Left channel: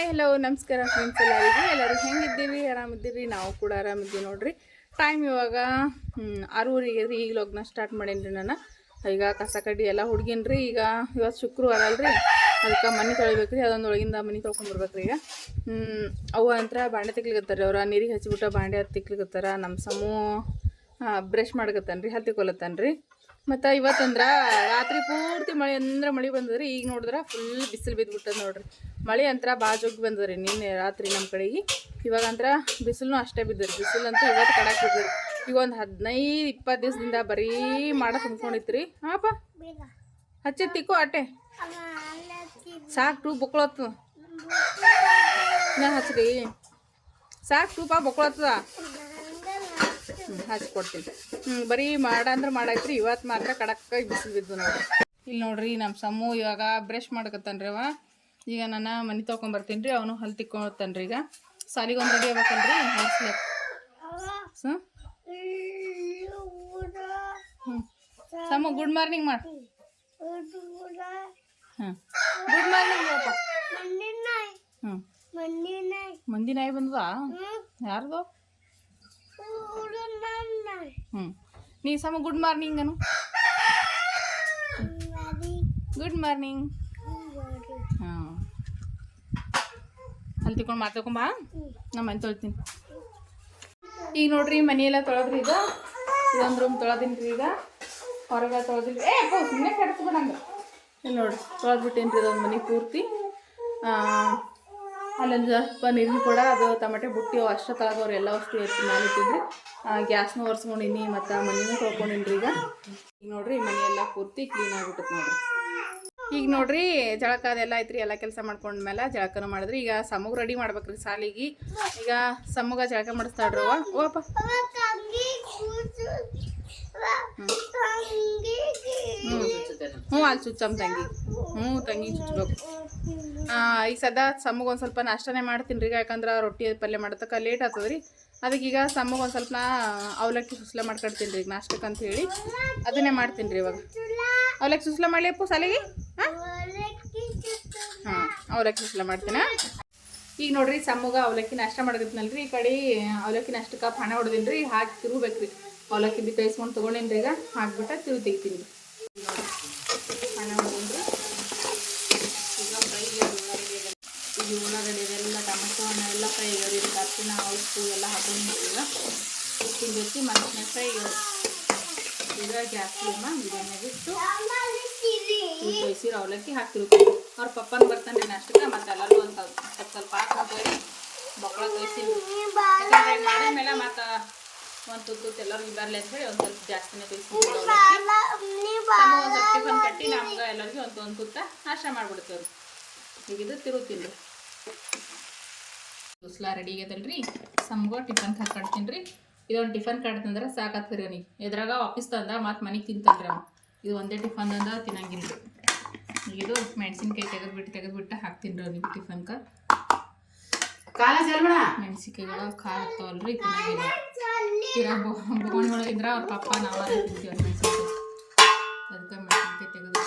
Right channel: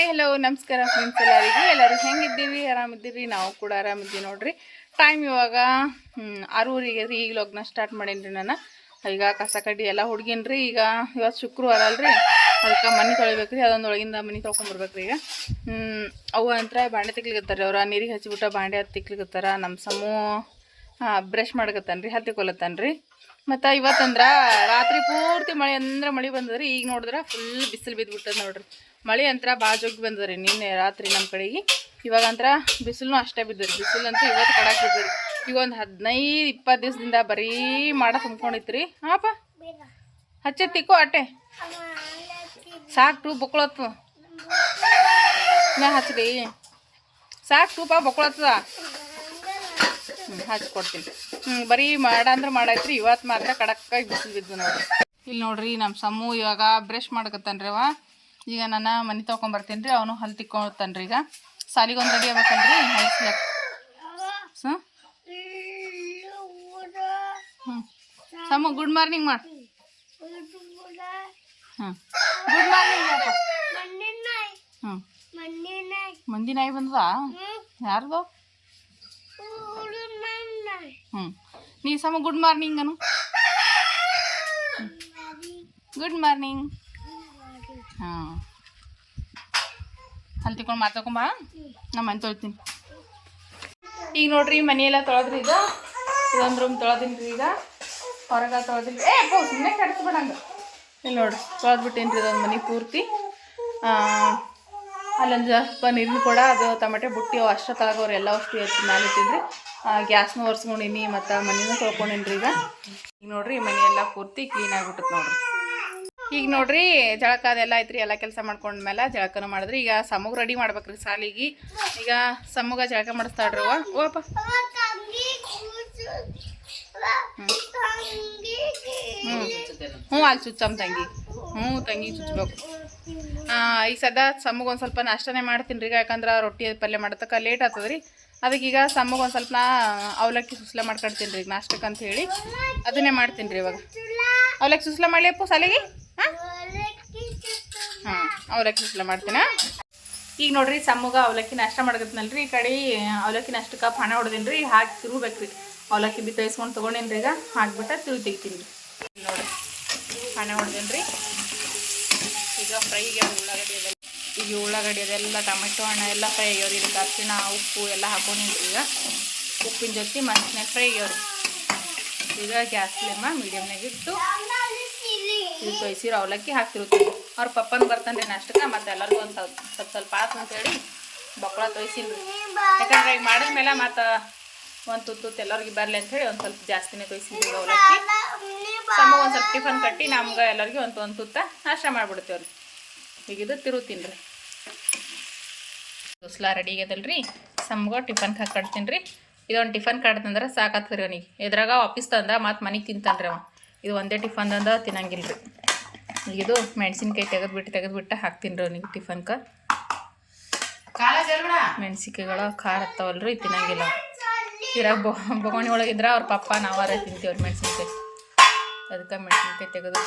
Hi hello ನಮಸ್ಕಾರ friends, ಎಲ್ಲರೂ ಹೆಂಗಿದ್ದೀವಿ? ಆರಾಮಿದ್ದೀರಿ? ನಾವು ಕೂಡ ಆರಾಮಿದ್ದೀವಿ ನೋಡ್ರಿ. ಟೈಮ್ ಇವಾಗ 6:30 ರೀ. ಈಗ ಲಗ್ನ ಸ್ಟಾರ್ಟ್ ಮಾಡೇನ್ರಿ. ನಾನು ಈಗ ಕಸ ಕಡ್ಡಿ ಎಲ್ಲ ಹುಡ್ಗೇನ್ರಿ. ಈಗ ಇವತ್ತು ಶುಕ್ರವಾರ ಅಲ್ರಿ, ಅದಕ್ಕೆ ಮನೆ ತೊಳಿಬೇಕ್ರಿ. ಅದೊಂದೊಳಗಿಂದ ಮನೆ ತೊಳ್ಕೊಂಬರ್ಬೇಕ್ರಿ. ಈಗ ಅವು ಅಂತ ಬಾಂಡೆ ತಿಕ್ಲಿಕತ್ತಾರೆ. ಅವ್ರು ನೀರಿಗೆ ಹಚ್ಚಿಬಿಟ್ಟು ಬಾಂಡೆ ಹತ್ತು ತಿಕ್ಲಿಕತ್ತಾರ. ನಮ್ಮ ಸಮೂ ಬ್ರಷ್ ಮಾಡ್ಕತ್ತಾನ ರೀ, ಹತ್ತಿಕೊಲತ್ತಾನ ರೀ. ಮತ್ತು ಇವತ್ತಂದ್ರೆ ರಾತ್ರಿ ಪೂರ್ತಿ ಮಳೆ ಅಂದ್ರೆ ಮಳೆ ಬಂದದ್ರಿ. ಈಗ ನೋಡಿದ್ರೆ ಫುಲ್ ಬಿಸಿಲು ಬಿದ್ದುಬಿಟ್ಟದ ನೋಡ್ರಿ. ಮಳೆ ಅಂತರ ಭಾಳ ಜೋಗಿ ಬಂದದ್ರಿ ನಿನ್ನೆ ರಾತ್ರಿ ನಮ್ಮ ಕಡೆಗೆ. ಇವಾಗಂತ್ರ ಬಿಸಿಲು ಅಷ್ಟೇ ಬಿದ್ದರಿ. ಬಿಸಿಲಂತೂ ಇವತ್ತು ಕಡಾಕ್ ಬಿದ್ದರಿ. ಈಗ ಒಂದು 15-20 ದಿವಸದಿಂದ ಬರೀ ಮಾಡ ತುಂಬ್ಕೊಂಡಿತ್ರಿ. ಹಾಪ ಹಚ್ಚತ್ತಿಕ್ಕೋ ಅಟ್ಟೆ ಸಾಕು ಟೂ ಬೊಕ್ಳತ್ತದ. ನಾ ಹಚ್ರಿ ಸಾಕು ಟೂಪ ಬೊಕ್ಳತ್ತದ. ಹಚ್ಕೊಡ್ತೀನಿ. ಬರೀ ಮಾಡ ಅಂದ್ರೆ ಮಾಡೈತ್ರಿ. ಇವತ್ತು ಮಾತ್ರ ಕಡಕ್ಕಾಗಿ ಬಿಸಿಲು ಬಿದ್ದು ನೋಡ್ರಿ. ಇಲ್ಲಿ ನೋಡ್ರಿ ನಮ್ಮ ಸಮೂ ಇವಾಗ ಬ್ರಷ್ ಮಾಡ್ಕತ್ತಾನ್ರಿ. ಅವ ಈಗ ನಾನು ಮನೆ ತೊಗೊಂಬರ್ತೀನಿ ರೀ. ಅವನು ಹಲ್ಲು ತಿಕ್ಕೊತಾನೆ ರೀ. ಈಗ ಸಾಲಿಗೊಂದು ರೆಡಿ ಆಗ್ಬೇಕಲ್ರಿ ಹೈಸ್ಲಕ್. ಸಮೂ ಗುಡ್ ಮಾರ್ನಿಂಗ್ ಮಾಡಿ. ಗುಡ್ ಮಾರ್ನಿಂಗ್ ಪಾಪ. ಮಂದಿ ನಾಯಿ ಬಂದದ? ಯಾರ್ದು? ನೀ ಸಮ ಗುಡ್ ಮಾರ್ನಿಂಗ್ ಅನು. Good morning. ಹಾಂ ಅಲ್ಲಿ ತಿಳ್ಕೊಂಡು ಮಾತಾಡ್ಕೊಂಬ. ನಮ್ಮ ಮನೆ ತೊಳಿತೀನಿ. ಈಗ ನೋಡ್ರಿ ಮನೆಯೆಲ್ಲ ತೊಳೆದ್ರಿ. ಇದೊಂದು ರೂಮ್ ತೊಳೆದೀನಿ ರೀ. ಈಗ ಹೊರಗೆ ತೊಳೆದಿಲ್ಲ. ಸುಮ್ಮನೆ ಕೆಡ್ಸ್ಬೇಡಂಗೆ. ಇಲ್ಲಿ ನೋಡ್ರಿ ತೊಳೆದ್ಬಿಟ್ಟೇನು ರೀ ಇದೊಂದು ಮನೆ ಪೂರ್ತಿ. ಅಲ್ಲೊಂದು ಸ್ವಲ್ಪ ನೀರಿನ ಕೂಡ ಅದು ಟೊಮೆಟೊ ಬುಟ್ಟಿ ಅಷ್ಟು ತಳಗವ್ರು ಎಲ್ಲ ಅಷ್ಟು ಎತ್ತಿ ಮೇಲೆ ಇಟ್ಟಿದ್ರಿ. ಗ್ಯಾಸ್ನೂ ಒರೆಸ್ಕೊಂಡಿನಿ ಮತ್ತು ಮನೆಯೂ ತೊಳ್ಕೊಂಡಿನಿ ರೀ. ಈಗ ನೋಡ್ರಿ ಮನೆಯೆಲ್ಲ ಪೂರ್ತಿ ಕ್ಲೀನ್ ಆಗಿಬಿಟ್ಟತ್ ನೋಡ್ರಿ. ಈಗ ನೋಡ್ರಿ ಜಳಕ ಅದೆಲ್ಲ ಐತ್ರಿ. ಎಲ್ಲ ಕೆಲಸ ಮಾಡ್ಕೊಂಡ್ಮೇಲೆ ಜಳಕನೂ ಮಾಡಿದ್ರಿ. ಈಗ ಸಮೂಗ ರೆಡಿ ಮಾಡ್ಬೇಕ್ರಿ ಸಾಲಿಗೆ. ಈಗ ಸಮೂಗ ಜಳಕ ಮಾಡಿಸ್ತಾಳ್ರಿ. ಓಪ ಅಲ್ಲಿ ಚುಚ್ಚಮ್ಮ ತಂಗಿ. ತಂಗಿ ಚುಚ್ಚಬೇಕು. ಈಗ ಸದಾ ಸಮೂಗ ಒಂದು ಸ್ವಲ್ಪ ನಾಷ್ಟನೇ ಮಾಡ್ತೀನಿ ರೀ. ಯಾಕಂದ್ರೆ ರೊಟ್ಟಿ ಪಲ್ಯ ಮಾಡತಕ್ಕ ಲೇಟ್ ಆಗ್ತದೆ ರೀ. ಅದಕ್ಕೆ ಈಗ ಸಮೂಗ ಒಂದು ಸ್ವಲ್ಪ ಅವಲಕ್ಕಿ ಸುಸ್ಲ ಮಾಡ್ಕೊಡ್ತೀನಿ ರೀ. ಈಗ ನಾಷ್ಟಕ್ಕೆ ಅಂತ ಹೇಳಿ ಅದನ್ನೇ ಮಾಡ್ತೀನಿ ರೀ. ಇವಾಗ ಅವಲಕ್ಕಿ ಸುಸ್ಲ ಮಾಡಲಿಯಪ್ಪ ಸಾಲಿಗೆ. ಅವಲಕ್ಕಿ ಸುಸ್ಲ ಮಾಡ್ತೀನಿ. ಈಗ ನೋಡ್ರಿ ಸಮೂಗ ಅವಲಕ್ಕಿ ನಾಷ್ಟ ಮಾಡಕತ್ನಲ್ರಿ. ಈ ಕಡೆ ಅವಲಕ್ಕಿ ನಾಷ್ಟಕ್ಕೆ ಪಾನ ಹೊಡೆದೀನಿ ರೀ. ಹಾಕಿ ತಿರುಗಬೇಕ್ರಿ. ಅವಲಕ್ಕಿ ಬಿತ್ತೈಸ್ಕೊಂಡು ತೊಗೊಂಡೇನಿ ರೀ. ಈಗ ಹಾಕ್ಬಿಟ್ಟು ತಿರುಗಿ ತೆಗಿತೀನಿ ರೀ. ನೋಡಿರಿ ಪಾನ ಹೊಡೆದೀನಿ ರೀ. ಈಗ ಫ್ರೈಗೆ ಉಳ್ಳಾಗಡ್ಡಿ ಅದೆಲ್ಲ ಟೊಮೆಟೊ ಹಣ್ಣು ಎಲ್ಲ ಫ್ರೈ ಆಗ್ಯಾವ್ರಿ. ಇದಕ್ಕೆ ಅರಿಶಿಣ ಉಪ್ಪು ಎಲ್ಲ ಹಾಕೊಂಡಿನಿ ಈಗ. ಉಪ್ಪಿನ ಜೊತೆ ಮನುಷ್ಯನಾಗ ಫ್ರೈ ಆಗ್ಯಾವ್ರಿ. ಈಗ ಗ್ಯಾಸ್ ಫ್ಲೇಮ ಮೀಡಿಯಮ್ನಾಗ ಇಟ್ಟು ಇದು ತೊಯ್ಸಿರೋ ಅವಲಕ್ಕಿ ಹಾಕ್ತಿರ್ತೀವಿ. ಅವ್ರ ಪಪ್ಪನ ಬರ್ತಾನೆ ರೀ ನಾಷ್ಟಕ್ಕೆ. ಮತ್ತು ಎಲ್ಲರಿಗೂ ಒಂದು ಸ್ವಲ್ಪ ಆತು ಅಂತೇಳಿ ಬಕ್ಕಳ ತೊಯ್ಸಿನಿ. ಯಾಕಂದ್ರೆ ಈಗ ಮಾಡಿದ್ಮೇಲೆ ಮತ್ತು ಒಂದು ತುತ್ತು ಎಲ್ಲರಿಗೂ ಬರಲಿ ಅಂಥೇಳಿ ಒಂದು ಸ್ವಲ್ಪ ಜಾಸ್ತಿನೇ ತೊಯ್ಸಿನಿ ಅವಲಕ್ಕಿ. ಸಮ ಒಂದು ಸ್ವಲ್ಪ ಟಿಫನ್ ಕಟ್ಟಿ ನಮ್ಗೆ ಎಲ್ಲರಿಗೂ ಒಂದು ತುತ್ತ ನಾಷ್ಟ ಮಾಡಿಬಿಡ್ತೇವ್ರಿ. ಈಗ ಇದು ತಿರುತ್ತೀನಿ ರೀ. ಸುಸ್ಲಾ ರೆಡಿ ಆಗ್ಯದಲ್ರಿ. ಸಮ್ಗೆ ಟಿಫನ್ಗೆ ಹಾಕಿ ಕಟ್ತೀನಿ ರೀ. ಇದೊಂದು ಟಿಫನ್ ಕಟ್ತಂದ್ರೆ ಸಾಕಾಗ್ತದೆ ಅವನಿಗೆ. ಎದ್ರಾಗ ಆಫೀಸ್ ತಂದ ಮತ್ತು ಮನೆಗೆ ತಿಂತಾನೆ ರೀ ಅವ. ಇದು ಒಂದೇ ಟಿಫನ್ ತಂದ ತಿನ್ನಂಗಿಲ್ಲ ರೀ. ಇದು ಮೆಣಸಿನ್ಕಾಯಿ ತೆಗೆದ್ಬಿಟ್ಟು ಹಾಕ್ತೀನಿ ರೀ ಅವನಿಗೆ ಟಿಫನ್ಗೆ. ಮೆಣಸಿನ್ಕಾಯಿಗಳು ಖಾರ ಹತ್ತವಲ್ರಿ, ತಿನ್ನಂಗಿಲ್ಲ. ಇರಾಗ ಬೊಗಣಿ ಒಳಗಿದ್ರೆ ಅವ್ರ ಪಪ್ಪ ನಾವಾರ ತಿಂತೀವ್ರಿ ಮೆಣಸಿನ್ಕಾಯಿ. ಅದಕ್ಕೆ ಮೆಣಸಿನ್ಕಾಯಿ ತೆಗೆದು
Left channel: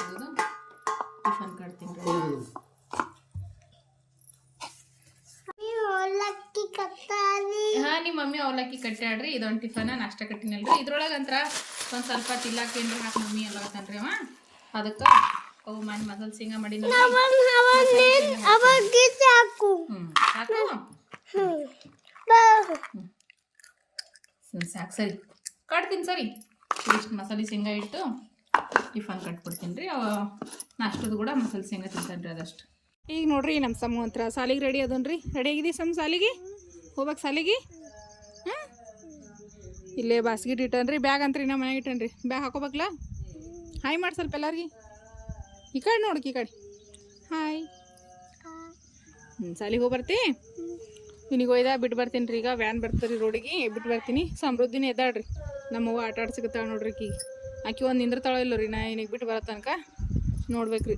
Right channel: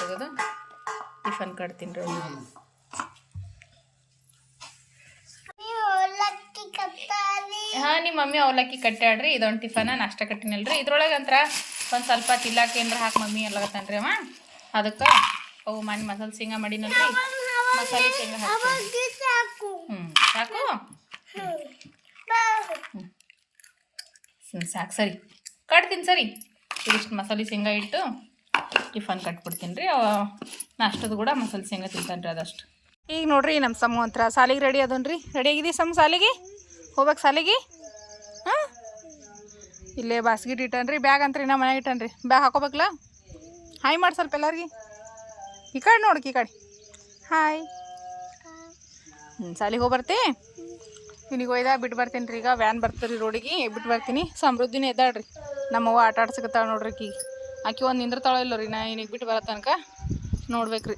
ಟಿಫನ್ ಕಟ್ತೀನಿ ರೀ. ಹಾಂ ನಿಮ್ಮ ಮಮ್ಮಿ ಅವಲಕ್ಕಿ ಕಟ್ಟಾಡ್ರಿ. ಇದೊಂದು ಟಿಫನ್ ನಾಷ್ಟ ಕಟ್ಟಿನಲ್ರಿ. ಇದ್ರೊಳಗೆ ಅಂತರ ಒಂದು ಸ್ವಲ್ಪ ತಿಲ್ಲಾಕ ಏನ್ರ ಹಾಕಿ ಮಮ್ಮಿ ಎಲ್ಲಗತ್ತಾನ್ರಿ ಅವ. ಅದಕ್ಕೆ ಅವು ಮನೆ ಮಸಾಲೆ ಶೇಂಗಾ ಮಾಡಿನಲ್ರಿ. ಮಸಾಲೆ ಶೇಂಗಾ ಹಾಕಿ ಸಾಕು. ಸಾಕು ಸರಿ ಕಟ್ತೀನಿ. ಸರಿ ಇಷ್ಟು ಮಸಾಲೆ ಶೇಂಗಾ ಇಟ್ಟು ಟಿಫನ್ ಕಟ್ಬಿಡ್ತೀನಿ ರೀ. ನಾಷ್ಟದ ಕೂಡ ಮಸಾಲೆ ಶೇಂಗಾ ತಿಂತಾನೆ ರೀ ಅದಷ್ಟು. ಈಗ ನೋಡ್ರಿ ನಮ್ಮ ಸಮೂ ಒಂಥರ ಸಾಲಿಗೆ ರೆಡಿ ಅದನ್ ರೀ. ರೆಡಿ ಆಗಿದ್ದೀವಿ ಸಮ ಸಾಲಿಗೆ ಹೋಗ್ಬೇಕು. ಸಾಲಿಗೆ ಇಲ್ಲೇ ಬಾಸ್ಗಿಟ್ ಇಟ್ಟನ್ರಿ. ಬ್ಯಾಗ್ ಅಂತ್ರಿ ನಮ್ಮ ಮನೆಗೆ ಇಟ್ಟನ್ರಿ. ಬ್ಯಾಗ್ ಹಾಕೋಬೇಕಲ್ಲ. ಹಾಯ್ ಮಾಡಿ ಸ್ವಲ್ಪ ಎಲ್ಲರಿಗೆ. ಈ ಕಡೆ ನೋಡಕ್ಕೆ ಈ ಕಡೆ ಹಾಯ್. ಸಾಲಿಗೆ ಹೋಗಿ ಬರ್ತಿ. ಇಲ್ಲಿಗೆ ಒಯ್ದ ಬಿಟ್ಟು ಬರ್ತೀನಿ ರೀ. ಈಗ ವ್ಯಾನ್ ಬರ್ತೀರಿ ರೋಡಿಗೆ ಬಿಟ್ಟು ಬರ್ತೀನಿ. ಸಮೃದ್ಧಿನೇ ಎದ್ದಾಡ್ರಿ. ನಮ್ಮವ್ವ ಆಟ ಆಡ್ಸಕತ್ತಾಳ ನೋಡ್ರಿ. ಆಕಿ ಒಂದು ನಿಂದ್ರತಾಳ ಇಲ್ಲ ರೀ. ನಾ ಇನ್ನಿಗೆ ಬಿಟ್ಟು ಬರೋ ತನಕ ನೋಡ್ಬೇಕ್ರಿ.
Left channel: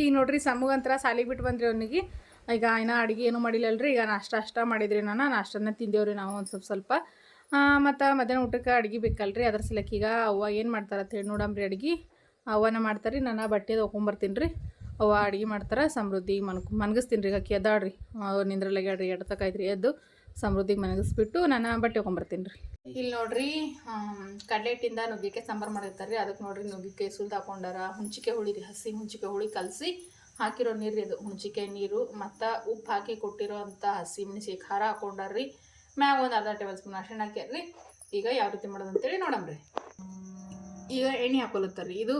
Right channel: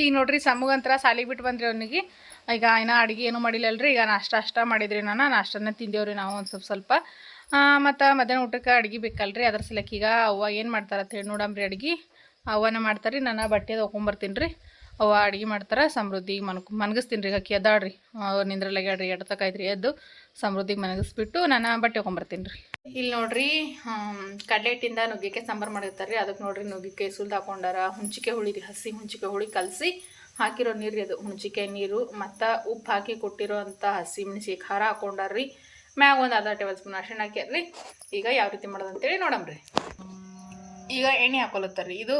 ಈಗ ನೋಡ್ರಿ ಸಮೂಗಂತರ ಸಾಲಿಗೆ ಬಿಟ್ಟು ಬಂದ್ರಿ ಅವನಿಗೆ. ಈಗ ಇನ್ನೂ ಅಡುಗೆ ಏನೂ ಮಾಡಿಲ್ಲಲ್ರಿ. ಈಗ ನಾಷ್ಟ ಮಾಡಿದ್ರಿ. ನಾಷ್ಟನ ತಿಂದೇವ್ರಿ ನಾವು ಒಂದು ಸ್ವಲ್ಪ. ಮತ್ತು ಮಧ್ಯಾಹ್ನ ಊಟಕ್ಕೆ ಅಡುಗೆ ಬೇಕಲ್ರಿ. ಅದ್ರ ಸಲಕ್ಕೆ ಈಗ ಅವ್ವ ಏನು ಮಾಡ್ತಾರೆ ಅಂತ ಹೇಳಿ ನೋಡಂಬ್ರಿ. ಅಡುಗೆ ಅವ್ವನ ಮಾಡ್ತಾರೆ ರೀ. ನಾನು ಬಟ್ಟೆ ತೊಗೊಂಬರ್ತೀನಿ ರೀ. ಅವ ಅಡುಗೆ ಮಾಡ್ತಾರೆ. ಸಮೃದ್ಧಿಗೆ ಮನಗಿಸ್ತೀನಿ ರೀ. ಅಕ್ಕಿ ಎದ್ದಾಡ್ರಿ ನಿಂದ್ರಲ್ಲಾಗ್ಯಾಡ್ರಿ ಎಡ್ತಕಾಯ್ತ್ರಿ. ಎದ್ದು ಸಮೃದ್ಧಿಗೆ ಮನಗಿಸ್ಬಿಟ್ಟು ನಾನು ಬಟ್ಟೆ ತೊಗೊಂಬರ್ತೀನಿ ರೀ. ಇಲ್ಲಿ ನೋಡ್ರಿ ಕಡಲೆ ಹಿಟ್ಟಿಂದ ನುಗ್ಗಿಕಾಯಿ ಸಾಂಬಾರು ಮಾಡಿರ್ತಾರೆ ರೀ. ಅದಕ್ಕೆ ನೋಡ್ರಿ ನುಗ್ಗಿಕಾಯಿ ಸುಲ್ದು ಹಾಕೊಂಡಾರ. ಹುಂಚಿಕಾಯಿ ಹುಳಿ ರೀ, ಹಸಿ ಹುಂಚಿಕಾಯಿ ಹುಳಿ ಕಲಸಿ ಹಾಕಿರೋ ನೀರು ರೀ ಅದು. ಹುಂಚಿಕಾಯಿ ನೀರು ಮತ್ತು ಉಪ್ಪು ಹಾಕಿ ಕೊಟ್ಟಿರೋ ಅಂಥ ಹಸಿ ಮೆಣಸಿಗೆ ಖಾರ ಹಾಕೊಂಡಾರ್ರಿ. ಮ್ಯಾಗ ಒಂದು ಅರ್ಧ ಟೇಬಲ್ ಸ್ಪೂನ್ ಅರಿಶಿಣ ಹಾಕ್ಯಾರ್ರಿ. ಈಗ ಯಾವ ರೀತಿ ಮಾಡೋದು ಅಂತೇಳಿ ನೋಡಮ್ರಿ. ಈಗ ಎಣ್ಣೆ ಹಾಕೊಲತ್ತಾರೆ ರೀ. ಇದು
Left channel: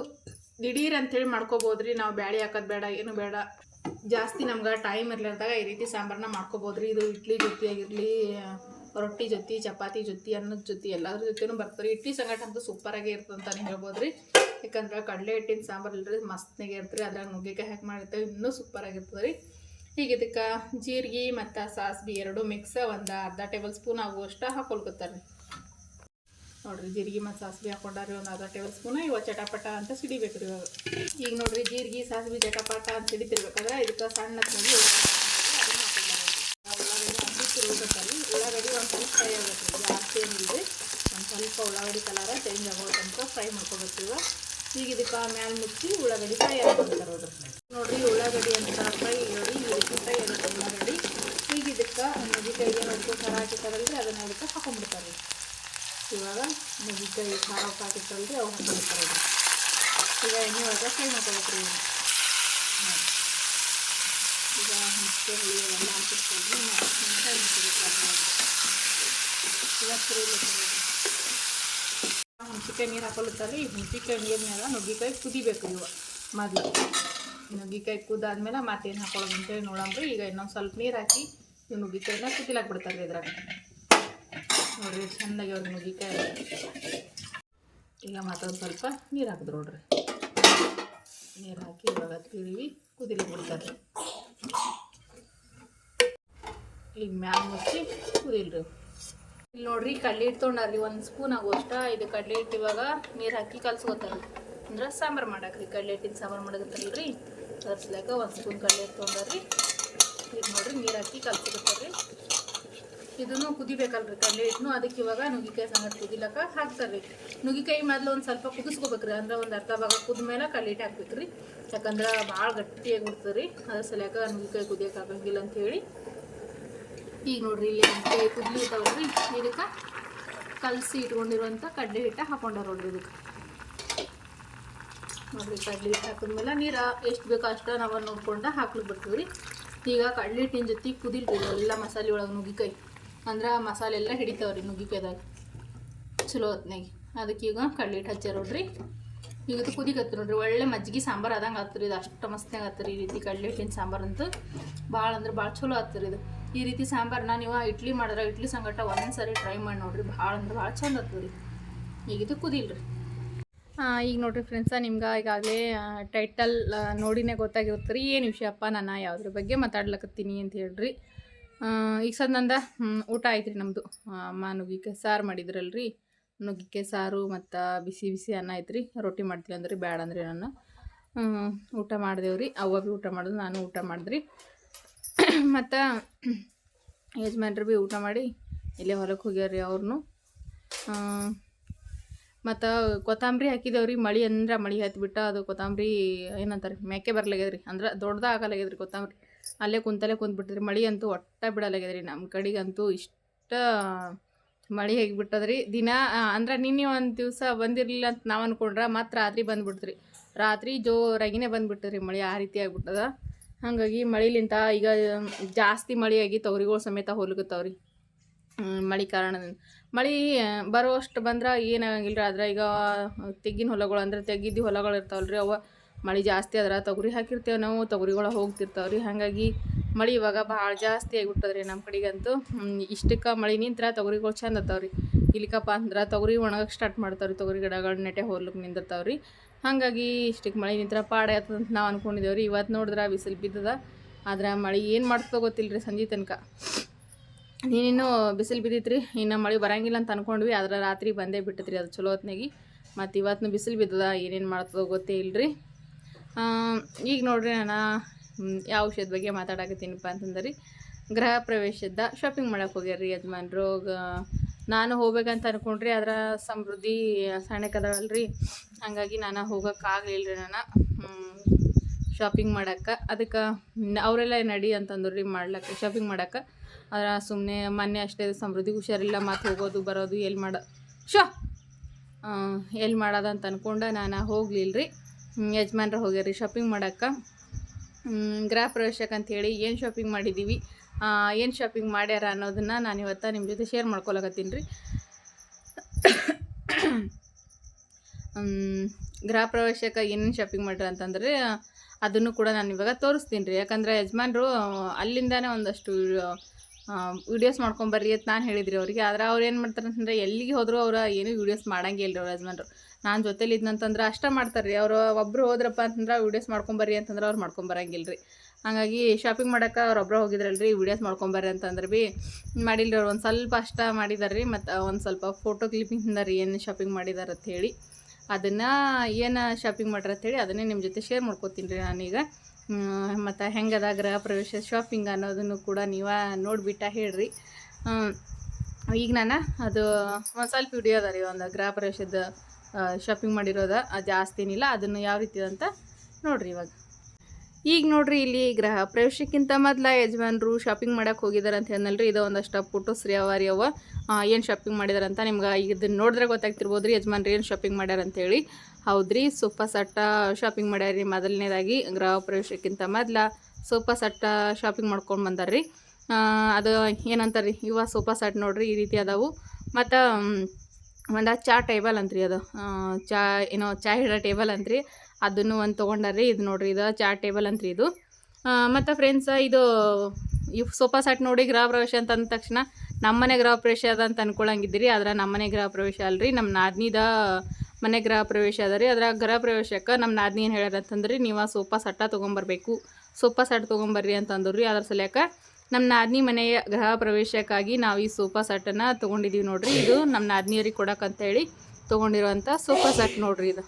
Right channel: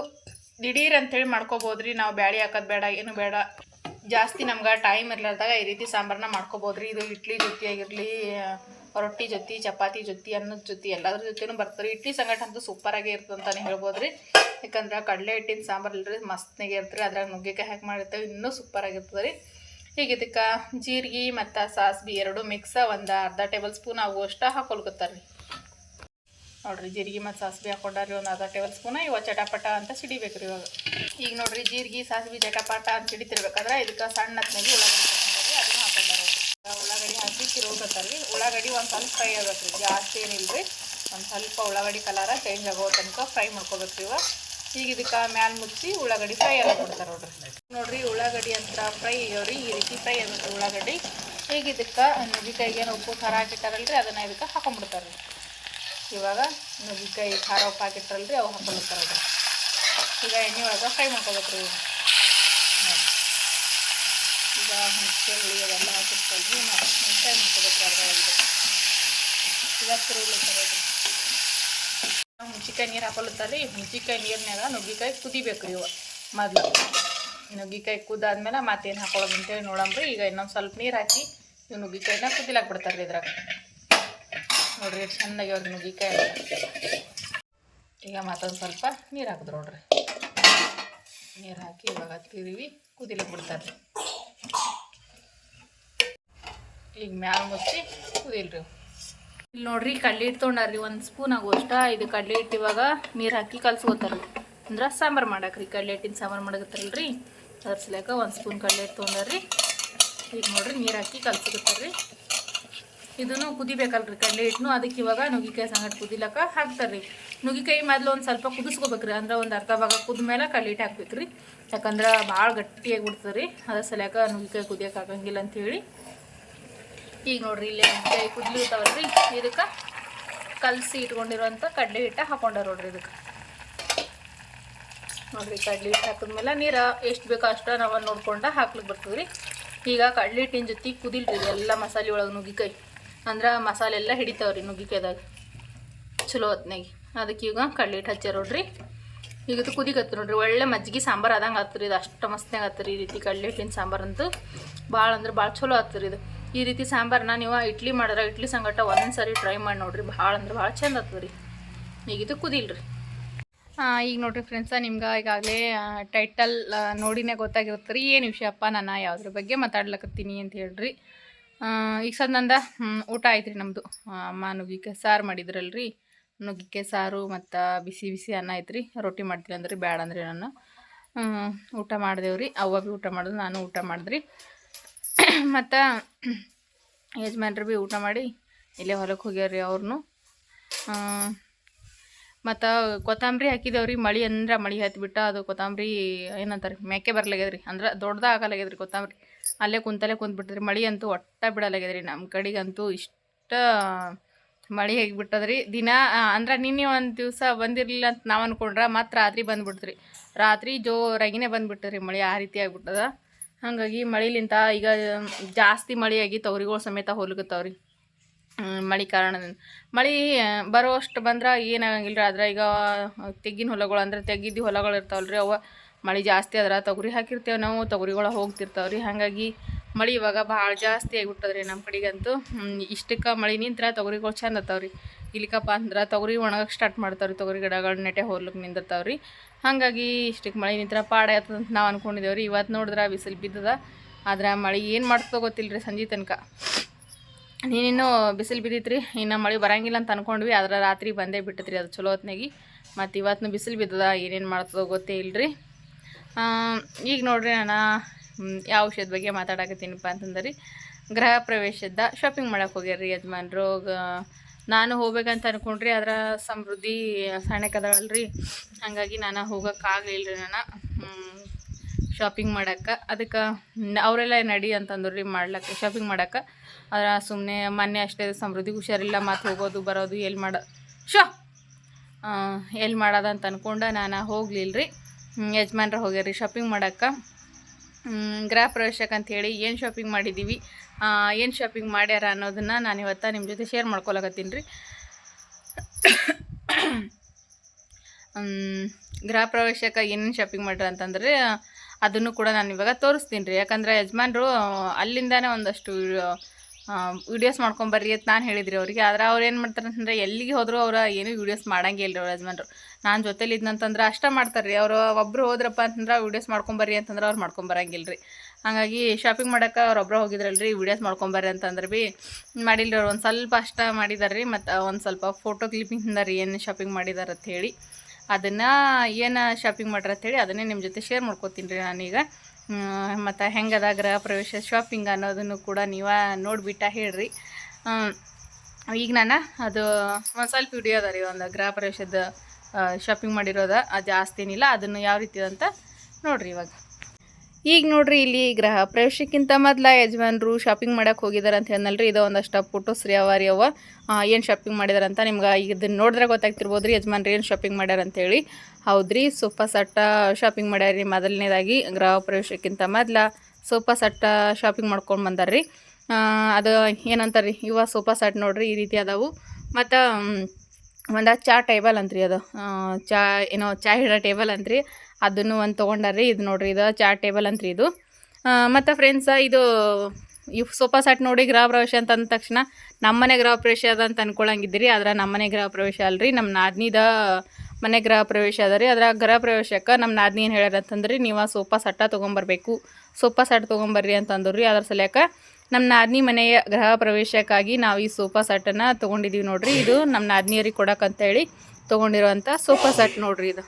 ದಿಢೀರ್ ಅಂಥೇಳಿ ಮಾಡ್ಕೊಬೋದ್ರಿ. ನಾವು ಬ್ಯಾಳಿ ಹಾಕೋದು ಬೇಡ, ಏನು ಬೇಡ. ಜಾಸ್ತಿ ನಮ್ಗೆ ಟೈಮ್ ಇರ್ಲಾರ್ದಾಗ ಈ ರೀತಿ ಸಾಂಬಾರನ್ನ ಮಾಡ್ಕೊಬೋದ್ರಿ. ಇದು ಇಡ್ಲಿ ಜೊತೆ ಆಗಿರಲಿ, ರೊಟ್ಟಿ ಜೊತೆ, ಚಪಾತಿ ಜೊತೆ, ಅನ್ನದ ಜೊತೆ ಎಲ್ಲದ್ರ ಜೊತೆನೂ ಬರ್ತಾರೆ. ಇಡ್ಲಿ ಸಂಗಟ ಅಂತೂ ಸೂಪರಾಗೇ ಇರ್ತದೆ ಅಂತಲೇ ಹೇಳ್ಬೋದು ರೀ. ಯಾಕಂದ್ರೆ ಕಡಲೆ ಹಿಟ್ಟಿನ ಸಾಂಬಾರು ಇಲ್ಲರಿ ಮಸ್ತ್ನಾಗೆ ಇರ್ತಾರೆ. ಅದ್ರಾಗ ನುಗ್ಗೆಕಾಯಿ ಹಾಕಿ ಮಾಡಿರ್ತೇವೆ, ಇನ್ನೂ ಸೂಪರಾಗಿರ್ತದೆ ರೀ. ಈಗ ಇದಕ್ಕೆ ಜೀರಿಗೆ ಮತ್ತು ಸಾಸ್ಬಿ ಎರಡು ಮಿಕ್ಸ ಒಂದು ಅರ್ಧ ಟೇಬಲ್ ಸ್ಪೂನ್ ಆಗುವಷ್ಟು ಹಾಕೊಳ್ಕೊತಾರೆ ರೀ. ನೋಡಿರಿ ಜೀರಿಗೆ ಮತ್ತು ಸಾಸ್ಬಿ ಹಾಕೊಂಡ್ರಿ ಒಂದು ಅರ್ಧ ಟೇಬಲ್ ಸ್ಪೂನ. ಇವಾಗ ಚಟಪಟ ಅಂತ ಸಿಡಿಬೇಕು ರೀ ಇವಾಗ. ಈಗ ನೋಡಿರಿ ಜೀರಿಗೆ ಸಾಸ್ಬಿ ಚಟಪಟ ಅಂತ ಸಿಡಿತಿರ್ಬೇಕಾದ್ರೆ ಇದಕ್ಕೆ ಸಣ್ಣ ಹತ್ತಿನಾಗಿ ಉಳ್ಳಾಗಡ್ಡಿ ಹಾಕೊಂಡ್ರಿ. ಅದನ್ನು ಹಾಕೊಂಡಾರ ಉಳ್ಳಾಗಡ್ಡಿ ಹಾಕಿ ತಿರುಗ್ಬೇಕಲ್ಲ ರೀ. ಉಳ್ಳಾಗಡ್ಡಿ ಒಂದು ಸ್ವಲ್ಪ ಫ್ರೈ ಆಗಬೇಕು ರೀ, ಜಾಸ್ತಿ ಏನಿಲ್ಲ ರೀ. ಒಂದು ಸ್ವಲ್ಪ ಉಳ್ಳಾಗಡ್ಡಿ ಕಲರ ಚೇಂಜ್ ಆಗೋ ತನಕ ಫ್ರೈ ಮಾಡ್ಕೋಬೇಕು ಇವಾಗ. ಈಗ ಇದಕ್ಕೆ ಮ್ಯಾಲೆ ಮುಚ್ಚಿ ಉಳ್ಳಾಗಡ್ಡಿ ಫ್ರೈ ಆಗ್ಬಿಡ್ತಾರೆ ನೋಡ್ರಿ. ಉಳ್ಳಾಗಡ್ಡಿ ಅಂತ ಫ್ರೈ ಆಗ್ಯಾವ್ರಿ. ಈ ರೀತಿ ಫ್ರೈ ಆಗುತ್ತೆ ಉಳ್ಳಾಗಡ್ಡಿ. ಈಗ ಇದಕ್ಕೆ ನುಗ್ಗಿಕಾಯಿಗೆ ಉಪ್ಪು ಖಾರ ಹಾಕಿಟ್ಟಾರಲ್ರಿ, ಅದನ್ನು ಇದಕ್ಕೆ ಹಾಕೊಂಡ್ಬಿಡ್ತಾರೆ. ಇವಾಗ ನುಗ್ಗಿಕಾಯಿ ಖಾರ ಉಪ್ಪು ಹಾಕಿಟ್ರಲ್ರಿ, ಅವು ಹಾಕೊಂಡ್ಬಿಡ್ತಾರೆ. ಈಗ ಎಣ್ಣೆ ಒಳಗೆ ಫ್ರೈ ಮಾಡ್ಕೋಬೇಕು ರೀ. ಈಗ ಹುಣಸೆ ಹುಳಿ ಅದೆಲ್ಲ ಹಾಕಿಟ್ಕೊಳ್ರಿ, ಮತ್ತು ಫ್ರೈ ಮಾಡ್ಕೋಬೇಕು ಅದರೊಳಗೆ. ಇವತ್ತು ಹುಣ್ಚಿಕಾಯಿ ನೀರು ಹಾಕೊಳ್ತಾರೆ. ಹುಣ್ಚಿಕಾಯಿ ನೀರಿನಾಗ ನುಗ್ಗಿಕಾಯಿ ಕುದಿಬೇಕು ರೀ. ಇವ ಮೊದಲು ನುಗ್ಗಿಕಾಯಿ ಕುದ್ದಾದ್ಮೇಲೆ ಮತ್ತೇನು ಹಾಕೊಳ್ಳೋದು ಅಂತೇಳಿ ನೋಡಂಬ್ರಿ. ಈಗ ಇನ್ನೊಂದು ಸ್ವಲ್ಪ ನೀರು ಹಾಕಿ ಇವು ನುಗ್ಗಿಕಾಯಿನ ಕುದಿಲಾಕ್ ಬಿಡ್ತಾರೆ ರೀ. ಇದ್ರಾಗ ನೋಡ್ರಿ ಎಷ್ಟು ಚೆಂದಾಗಿ ಅವ್ರಿಗೆ ನುಗ್ಗಿಕಾಯಿ. ಈಗ ಮತ್ತೊಂದು ಸ್ವಲ್ಪ ನೀರು ಹಾಕಿದ್ರು ನೋಡ್ರಿ. ನೀರು ಹಾಕಿ ಇವಾಗ ತಿರುವಿ ಕುದಿಲಿಕ್ಕೆ ಬಿಡ್ತಾರೆ. ಈಗ ಮ್ಯಾಲ ಮುಚ್ಚಿ ಕುದಿಲ್ರಿ. ಇಲ್ಲಿ ನೋಡ್ರಿ ಕಡ್ಲೆ ಹಿಟ್ಟು ತೊಗೊಂಡಾರ್ರಿ ಒಂದು ಸ್ಪೂನ್ ಆಗುವಷ್ಟ. ಇದು ಕಡ್ಲೆ ಹಿಟ್ಟು ಇವಾಗ ನೀರು ಹಾಕಿ ಕಲ್ಸ್ಕೊತಾರೆ ಅಂದ್ರೆ ಸಾಂಬಾರು ಮಾಡಾಕ್ರಿ. ಕಡ್ಲೆ ಹಿಟ್ಟಿನ ಸಾಂಬಾರು ಮಾಡಕತ್ತಾರಲ್ರಿ, ಅದ್ರ ಸಲ್ಯಾಕ ಒಂದು ಸ್ಪೂನ್ ಕಡ್ಲೆ ಹಿಟ್ಟು ತೊಗೊಂಡಾರ್ರಿ. ಈಗ ನೋಡ್ರಿ ನೀರು ಹಾಕಿ ಕಲ್ಸ್ಕೊತಾರ್ರಿ. ಇದನ್ನು ಕುದಿಬೇಕಲ್ರಿ ಕಡ್ಲೆ ಹಿಟ್ಟನು. ಅದಕ್ಕೆ ಇವಾಗ ನುಗ್ಗಿಕಾಯಿ ಸಂಗಟ ಕುದಿಲಕ್ಕ ಹಾಕ್ತಾರೆ ರೀ. ನುಗ್ಗಿಕಾಯಿ ಮೊದಲು ಒಂದು ಸ್ವಲ್ಪ ಕುದಿಸ್ಕೋಬೇಕ್ರಿ. ಅಂದ್ರೆ ಒಂದು ಅರ್ಧ ಭಾಗ ಕುದ್ಮೇಲೆ ಕಡ್ಲೆ ಹಿಟ್ಟು ಹಾಕ್ಬೇಕ್ರಿ. ಯಾಕಂದ್ರೆ ಭಾಳ ಗಟ್ಟಿಯಾಗಿ ಬಿಡ್ತದೆ ರೀ. ಅದ್ರ ಸಲ್ಯಾಕ ನುಗ್ಗಿಕಾಯಿ ಕುದಿಯೋಕೆ ಆಗಂಗಿಲ್ಲ ಅಂಥೇಳಿ. ಈಗ ನೋಡ್ರಿ ಇಲ್ಲೇ ನುಗ್ಗಿಕಾಯಿ ಕುದಿಲಿರ್ತಾವಲ್ರಿ, ಇದಕ್ಕೆ ಕಲಸಿ ಇಟ್ಕೊಂಡಿರೋಂಥ ಕಡಲೆ ಹಿಟ್ಟು ಹಾಕೊಂಡಾರ ನೋಡ್ರಿ. ಇದಕ್ಕೆ ನೋಡ್ರಿ ಕಡ್ಲೆ ಹಿಟ್ಟು ಹಾಕಿದ್ಮೇಲೆ ನೀರು ಎಷ್ಟು ಬೇಕೋ ಅಷ್ಟು ನಾವು ನೋಡ್ಕೊಂಡು ಹಾಕ್ಲಿಕ್ಕೆ ಬರ್ತದೆ ರೀ. ಈಗ ಕಡ್ಲೆ ಹಿಟ್ಟಿನ ಜೊತೆ ಕುದಿಲ್ರಿ ಎಲ್ಲ ಮಸಾಲೆ ಒಳಗೆ ನುಗ್ಗಿಕಾಯಿ. ಅಂದ್ರೆ ಮಸಾಲೆ ಎಲ್ಲ ಹಿಡಿತಾವ್ರಿ ನುಗ್ಗಿಕಾಯ್ದಾಗ ಚಲೋ ಹೊತ್ನಾಗಿ. ಅದಕ್ಕೆ ಈಗ ಕಡ್ಲೆ ಹಿಟ್ಟು ಹಚ್ಚಾರ ನೋಡ್ರಿ. ಈಗ ಇದು ಕುದಿಕತ್ತು ನೋಡ್ರಿ. ಒಳ್ಳೆ ಮಜ್ಜಿಗೆ ಸಾಂಬಾರು ಆದಂಗೆ ಆಗ್ತದೆ ಇದು. ಅಷ್ಟು ಮಸ್ತ್ನಾಗ ಆಗ್ತದೆ ಈ ರೀತಿ ಕಡ್ಲೆ ಹಿಟ್ಟಿನ ಸಾಂಬಾರು ಅಂತೂ ಭಾಳ ಅಂದ್ರೆ ಭಾಳ ಚಲೋ ಆಗ್ತದೆ ಇದು. ಈ ರೀತಿ ಸಾಂಬಾರನ್ನ ನೀವು ಇಡ್ಲಿ ಮಾಡಿದ್ರೆ ಇಡ್ಲಿ ಸಂಗಟ ಒಂದೊಂದು ಸಾರಿ ಟ್ರೈ ಮಾಡಿ ನೋಡ್ರಿ. ಭಾಳ ಅಂದ್ರೆ ಭಾಳ ಚಂದ ಆಗ್ತದೆ ರೀ. ಈಗ ಇದು ಕುದಿಲ್ರಿ. ಈಗ ನೋಡ್ರಿ ಫ್ರೆಂಡ್ಸ, ನಿಮ್ಗೆ ಈಗಾಗಲೇ ಟೈಟಲ್ ನೋಡಿನೇ ಗೊತ್ತಾಗಿರುತ್ತೆ ರೀ ಏನು ವಿಷಯಪ್ಪ ನಾನು ಯಾವುದ್ರ ಬಗ್ಗೆ ಮಾತಾಡ್ಲಕತ್ತೀನಿ ಅಂತ ಹೇಳ್ರಿ. ಈಗ ಸದ್ ನಂದು ಊಟ ಆಯ್ತು ರೀ. ನಮ್ಮದು ಅಮ್ಮ ನುಗ್ಗಿಕಾಯಿ ಸಾರು ಮಾಡಿದ್ರಲ್ರಿ. ನುಗ್ಗಿಕಾಯಿ ಸಾರು ಮತ್ತು ಬಿಸಿ ಬಿಸಿ ಅನ್ನ ಐತೆ ರೀ. ರೊಟ್ಟಿ ಮಾಡ್ತೀವಿ ಅಂದ್ರೆ ಬೇಡ ಅಂದ್ರೆ ನಾನು ಊಟ ಮಾಡಿದೆವ್ರಿ. ಅವ್ವ ಭೀ ಊಟ ಮಾಡಿದ್ರು, ನಾನು ಊಟ ಮಾಡಿದ್ರಿ. ಮತ್ತು ಯಜಮಾನ್ರು ಭೀ ಊಟ ಮಾಡಿ ಇಲ್ಲೇ ಹೊಲಕ್ಕೆ ಹೋಗ್ಯಾರ್ರಿ ಅವ್ರನ್ನೂ. ಮತ್ತು ಕೊತ್ತಂಬರಿ ಹಾಕಿದೇವ್ರಿ. ಮಳೆ ಅಂದ್ರೆ ಮಳೆ ಹತ್ತಿಬಿಟ್ಟು ಅದು ಕೊತ್ತಂಬರಿ ಏನಂತಾರೆ ಮೇಕೆ ಬರ್ಲಾಗ್ಯದ್ರಿ. ಅಂದ್ರೆ ದೊಡ್ಡದ ಆಗಲಾಗ್ಯದ್ರಿ ಕೊತ್ತಂಬರಿ. ಅಲ್ಲೇ ಕುಂತ್ಬಿಟ್ಟಿದ್ರಿ. ಮಳೆ ಅಂತೂ ಒಟ್ಟ ಬಿಡಲಾಗ್ಯದ್ರಿ. ನಮ್ಮ ಕಡೆಗಂತೂ ಇಷ್ಟ ಮಳೆ ಹೇಗಿಬಿಟ್ಟದ್ರಿ. ದಿನ ಅಂದ್ರೆ ನಿನ್ನೆ ಒಂದು ದಿವಸ ಬಂದಿರಲಿಲ್ಲ ಅಂತ ನಾವು ಅಂದ್ಕೊಂಡ್ರೆ ಮತ್ತು ರಾತ್ರಿ ಬಂದುಬಿಡ್ತ್ರಿ. ರಾತ್ರಿ ಜೋರಾಗಿನೇ ಬಂದುಬಿಟ್ಟದ್ರಿ ಮಳೆ. ಆ ರೀತಿ ಆಗಿಬಿಟ್ಟದ. ಹಾಗಾಗಿ ಮಳಿಲಿಂತ ಈಗ ಜಾಸ್ತಿ ಮಳೆಯಾಗಿ ತೊಗರಿಗಳು ಸಮೇತ ಹೋಗ್ಲಿಕತ್ತಾವ್ರಿ ಮಳೆ ಕಾರಣದಿಂದ. ಮಳೆ ಬರೋಷ್ಟು ಬಂದ್ರೆ ಏನಾಗಂಗಿಲ್ಲ ರೀ. ಆದ್ರೆ ಈಗ ತೆಗ್ಗಿನ ಹೊಲಗಳು ಅಂದ್ರೆ ತೆಗ್ಗಿದ್ದು ಹೊಲಗಳು ಇರ್ತಾವಲ್ರಿ, ಅವ ಮಳೆ ಜಾಸ್ತಿ ಆದ್ರೆ ತೊಗರಿ ಹಾಕಿರ್ತೇವೆ ನಾವು, ತೊಗರಿಗಳು ಹೋಗ್ತಿರ್ತಾವ್ರಿ. ಹಾಗಾಗಿ ಮಳೆ ಇವಾಗ ಭಾಳ ಜಾಸ್ತಿ ಆಗಿಬಿಟ್ಟದ್ರಿ ನಮ್ಮ ಕಡೆಗಂತೂ. ಇಷ್ಟಕ್ಕೆ ಮಳೆ ನಿಂತ್ರೆ ತೊಗರಿಗಳು ಚಂದ ಅತ್ತಾವ್ರಿ. ಇಲ್ಲಿಕಪ್ಪ ಅಂದ್ರೆ ತೊಗರಿ ಒಣಗಕ್ಕೆ ಸ್ಟಾರ್ಟ್ ಮಾಡ್ತಾವ್ರಿ. ತೊಗರಿ ಗಿಡಗಳು ನೆಟ್ಟೆ ಹೋಗ್ಲಿಕ್ಕೆ ನಿಂದಿರ್ತಾವ್ರಿ. ಹಾಗಾಗಿ ಇಷ್ಟಕ್ಕೆ ಮಳೆ ನಿಂತ್ರೆ ಪಾಡ ಆಯ್ತದಂತ ನಾವು ಅಂದ್ಕೊಂಡಿದ್ದೇವ್ರಿ. ಇವತ್ತು ನೋಡಿದ್ರೆ ಬಿಸಿಲು ಬಿದ್ದದ. ಆದ್ರೆ ಮಳೆ ಏನು ಮಾಡ್ತೋ ಗೊತ್ತಿಲ್ಲ ರೀ ಸಂಜೆ ತನಕ. ನೀನಿನ್ನೂ ಬಿಸಿಲು ಬಿದ್ದಿತ್ರಿ, ಇನ್ನು ಮಳೆ ಬರೋಂಗಿಲ್ಲ ಅಂತ ಅಂದ್ಕೊಂಡ್ವಿ. ಆದ್ರೆ ರಾತ್ರಿ ಬಂದೇ ಬಿಟ್ಟತ್ರಿ ಅದು ಚಲೋ ಹೊತ್ನಾಗಿ. ಮತ್ತು ಇವತ್ತು ಬಿಸಿಲು ಬಿದ್ದದ, ಏನೇನು ಮಾಡ್ತದೋ ಗೊತ್ತೇ ಇಲ್ಲರಿ. ಈಗ ನೋಡ್ರಿ ನಾನು ಯಾವ ವಿಷಯದ ಬಗ್ಗೆ ಮಾತಾಡಕತ್ತೀನಪ್ಪ ಅಂತಂದ್ರೆ ಗೃಹ ಪ್ರವೇಶದ ಶಾಪಿಂಗ್ ಮಾಡಕ್ಕೆ ಹೋಗ್ಯಾರ್ರಿ ಯಜಮಾನ್ರು. ನಾನು ಹೋಗ್ಬೇಕಂತ ಅಂದ್ಕೊಂಡ್ರಿ, ಆದ್ರೆ ಸಮೃದ್ಧಿ ಸಣ್ಣಕದಳಲ್ರಿ. ಹಾಗಾಗಿ ನಾನು ಹೋಗೋಕ್ಕಾಗಲಿಲ್ಲ ರೀ. ನಾನು ಶಾಪಿಂಗ್ ಮಾಡಕ್ಕೆ. ಅದಕ್ಕೆ ಅವರೆಲ್ಲ ನಡಿ ಅಂತಂದ್ರು ರೀ ಮಾಡ್ಲಕ್ಕೆ ಶಾಪಿಂಗ್ ಮಾಡಕ್ಕೆ. ಆದ್ರೆ ಸುಮ್ಮನೆ ಮೊನ್ನೆ ಅಷ್ಟೇ ಸಮೃದ್ಧಿಗೆ ಹುಷಾರಿಲ್ಲ, ಮತ್ತು ಹೋಗೋದು ಬರೋದು ಎಲ್ಲಿ ಮಾಡೋದು ಅಂತ ಅಂದ್ಕೊಂಡು ನಾನು ಹೋಗ್ಲಿಲ್ಲ ರೀ. ಯಜಮಾನ್ರು ಹೋಗ್ಯಾರ ರೀ ಶಾಪಿಂಗ್ ಮಾಡಕ್ಕೆ. ಗೃಹ ಪ್ರವೇಶಕ್ಕೆ ಅಂಥೇಳಿ ಏನು ಶಾಪಿಂಗ್ ಮಾಡಿದ್ದೀವಿ, ಏನು ಶಾಪಿಂಗ್ ಮಾಡ್ಯಾರ ಅನ್ನೋದನ್ನು ನಾನು ಇವತ್ತು ನಿಮ್ಮ ಜೊತೆ ಶೇರ್ ಮಾಡ್ಕೊಳಕತ್ತೀನಿ ರೀ. ಗೃಹ ಪ್ರವೇಶಕ್ಕೆ ಏನೇನು ಶಾಪಿಂಗ್ ಮಾಡ್ರಿ ಅಂತಂದರೆ ಅದನ್ನು ಕೂಡ ನಾನು ಇವಾಗ ತೋರಿಸ್ತೀನಿ ರೀ. ಯಾಕಂದರೆ ಯಜಮಾನ್ರು ಅಲ್ಲಿಂದಾನೇ ಒಂದಷ್ಟು ವೀಡಿಯೋಸ್ ಮಾಡ್ಕೊಂಬರ್ರಿ ಅಂತ ನಾನು ಹೇಳಿದ್ರಿ ಅವರಿಗೆ. ಆದರೆ ಅವ್ರು ಏನು ಮಾಡ್ತಾರೆ ಅಂತಂದರೆ ಎಲ್ಲಿಗೆ ಹೋದರೂ ಅವ್ರು ಏನೂ ವೀಡಿಯೋಸ್ ಮಾಡಂಗಿಲ್ಲ ರೀ ಅವ್ರ ಯಜಮಾನ್ರು. ನಾನು ಜೊತೇಲಿ ಇದ್ನಂತಂದ್ರೆ ಅಷ್ಟೇ ಮಾಡ್ತಾರೆ ರೀ. ಅವರು ಒಬ್ಬರು ಹೋದ್ರಪ್ಪ ಅಂತಂದ್ರೆ ವೀಡಿಯೋಸ್ ಮಾಡ್ಕೊಂಬರ್ರಿ ಅಂತಂದ್ರೆ ಅವ್ರು ಮಾಡ್ಕೊಂಬರಂಗಿಲ್ಲ ರೀ. ಹಾಗಾಗಿ ಶಾಪಿಂಗ್ ಮಾಡೋಕೆ ಅವ್ರೊಬ್ಬರು ಹೋಗಿದ್ರಲ್ಲ ರೀ, ವೀಡಿಯೋಸ್ ಮಾಡ್ಕೊಂಬರ್ರಿ ಅಂತಂದ್ರೆ ಭೀ ಮಾಡಿಲ್ಲ ರೀ ಅವ್ರು. ಒಂದು ಸ್ವಲ್ಪ ಅಷ್ಟ ಮಾಡಿದಾರೆ ರೀ. ಮತ್ತು ಒಂದು ಸ್ವಲ್ಪ ಫೋಟೋ ಕ್ಲಿಪ್ಪಿಂದ ರೀ ಏನು ಶಾಪಿಂಗ್ ಮಾಡಿದಾರೆ ಅಂತ ಹೇಳಿ, ಅದನ್ನು ಏನು ಶಾಪಿಂಗ್ ಮಾಡ್ರಿ ಅಂಥೇಳಿ ಅದನ್ನೇ ನಿಮ್ಮ ಜೊತೆ ಶೇರ್ ಮಾಡ್ಕೊತೀನಿ ರೀ ನಾನೀಗ. ಮತ್ತು ಹೆಂಗದ ಗೃಹ ಪ್ರವೇಶ ಶಾಪಿಂಗ್ ಅನ್ನೋದನ್ನು ಕೂಡ ನೀವು ನೋಡಿಬಿಟ್ಟು ಹೇಳ್ರಿ. ಈಗ ನಾನು ಅದು ಒಂದು ಸ್ವಲ್ಪ ವಿಡಿಯೋ ಅದ ರೀ, ಒಂದು ಗೃಹ ಪ್ರವೇಶದ ಶಾಪಿಂಗ್ ಮಾಡಿರೋದು. ಅದು ಜಾಸ್ತಿ ಏನಿಲ್ಲ, ಅದನ್ನು ಯಾವ ರೀತಿ ಅಂತ ನೋಡಿರಿ ಇವಾಗ. ಈಗ ನೋಡಿರಿ, ಇಲ್ಲಿ ಗೃಹ ಪ್ರವೇಶಕ್ಕಿಂತ ಮೊದಲ ಯಜಮಾನ್ರು ಶಾಪಿಂಗ್ ಮಾಡೋಕೆ ಹೋಗಿದ್ದಾರೆ ಅಂತ ಹೇಳಲ್ರಿ. ಇದು ಒಂದಷ್ಟು ಫೋಟೋಸ್ ರೀ ಅವ ರೀ. ಏನು ಶಾಪಿಂಗ್ ಮಾಡಿದಾರೆ ಅಂತ ನಿಮ್ಗೆ ಈಗ ಇದನ್ನು ನೋಡಿದ್ರೆ ಗೊತ್ತಾಗ್ತಿರ್ಬೋದು ರೀ ಯಜಮಾನ್ರು ಏನು ಶಾಪಿಂಗ್ ಮಾಡ್ಯಾರ ಅಂತೇಳಿ. ಹೌದ್ರಿ, ಸೋಫಾ ಸೆಟ್ಟ ಶಾಪಿಂಗ್ ಮಾಡ್ಯಾರ ರೀ. ಮೊದಲನೇದಾಗಿ ಗೃಹ ಪ್ರವೇಶಕ್ಕಿಂತ ಮೊದಲ ಸೋಫಾ ಸೆಟ್ಟ ಶಾಪಿಂಗ್ ಮಾಡ್ಕೊಂಡು ಬಂದಾರ ರೀ. ಅದು ಏನಂತಾರೆ ರೀ, ಇವ ಸೋಫಾ ಸೆಟ್ ನೋಡಿರಿ ಈ ರೀತಿ ಅದಾವು. ಮತ್ತು ಒಂದು ಚಾ ಟೇಬಲ್ ಅಂತ್ರಿ, ಅದು ಚಾ ಹಿಡೋ ಟೇಬಲ್ ಅಂತ್ರಿ, ಅದನ್ನು ಒಂದು ತೊಗೊಂಡಾರ್ರಿ. ಇದು ನೋಡಿರಿ, ಇದು ಚಾ ಟೇಬಲ್ ಅಂತ್ರಿ ಇದು. ಮತ್ತು ಫ್ರೆಂಡ್ಸ್, ಇದು ಈ ಸೋಫಾ ಸೆಟ್ ನೋಡಿ ಗೃಹ ಪ್ರವೇಶ ಅಂತ ಅಂದ ತಕ್ಷಣ ನಮ್ಮನೆ ಗೃಹ ಪ್ರವೇಶ ಅದ ಅಂತ ಅಂದ್ಕೊಳಂಗಿದ್ದೀರಿ. ಆದ್ರೆ ನಮ್ಮನೆ ಗೃಹ ಪ್ರವೇಶ ಅಲ್ರಿ, ನಮ್ಮ ನಾದ್ನಿದ ಮನೆ ಗೃಹ ಪ್ರವೇಶ ಅದ ರೀ. ಅದ್ರ ಗೃಹ ಪ್ರವೇಶಕ್ಕೆ ನಮ್ಮ ನಾದ್ನಿ ಏನು ಹೇಳ್ಯಾರ ಅಂತಂದ್ರಿ, ನೀವು ಸೋಫಾ ಸೆಟ್ಟ ತೊಗೊಂಬರ್ಬೇಕು, ಸೋಫಾ ಸೆಟ್ ತೊಗೊಂಬರ್ರಿ ಅಂತಂದ್ರು ರೀ. ಅದ್ರ ಸಲಕ ನಮ್ಮ ನಾದ್ನಿ ಮನೆಯ ಗೃಹ ಪ್ರವೇಶಕ್ಕಾಗಿ ನಾವು ಈ ಸೋಫಾ ಸೆಟ್ಟನ್ನು ತೊಗೊಂಡಿದ್ದೀವಿ ನೋಡಿರಿ. ಇದು ನಮ್ಮ ನಾದ್ನಿಯರಿಗೆ ಕೊಡೋಕ್ಕಂತೇಳಿ ತೊಗೊಂಡಿರೋವಂಥ ಸೋಫಾ ಸೆಟ್ ನೋಡಿರಿ ಇದು.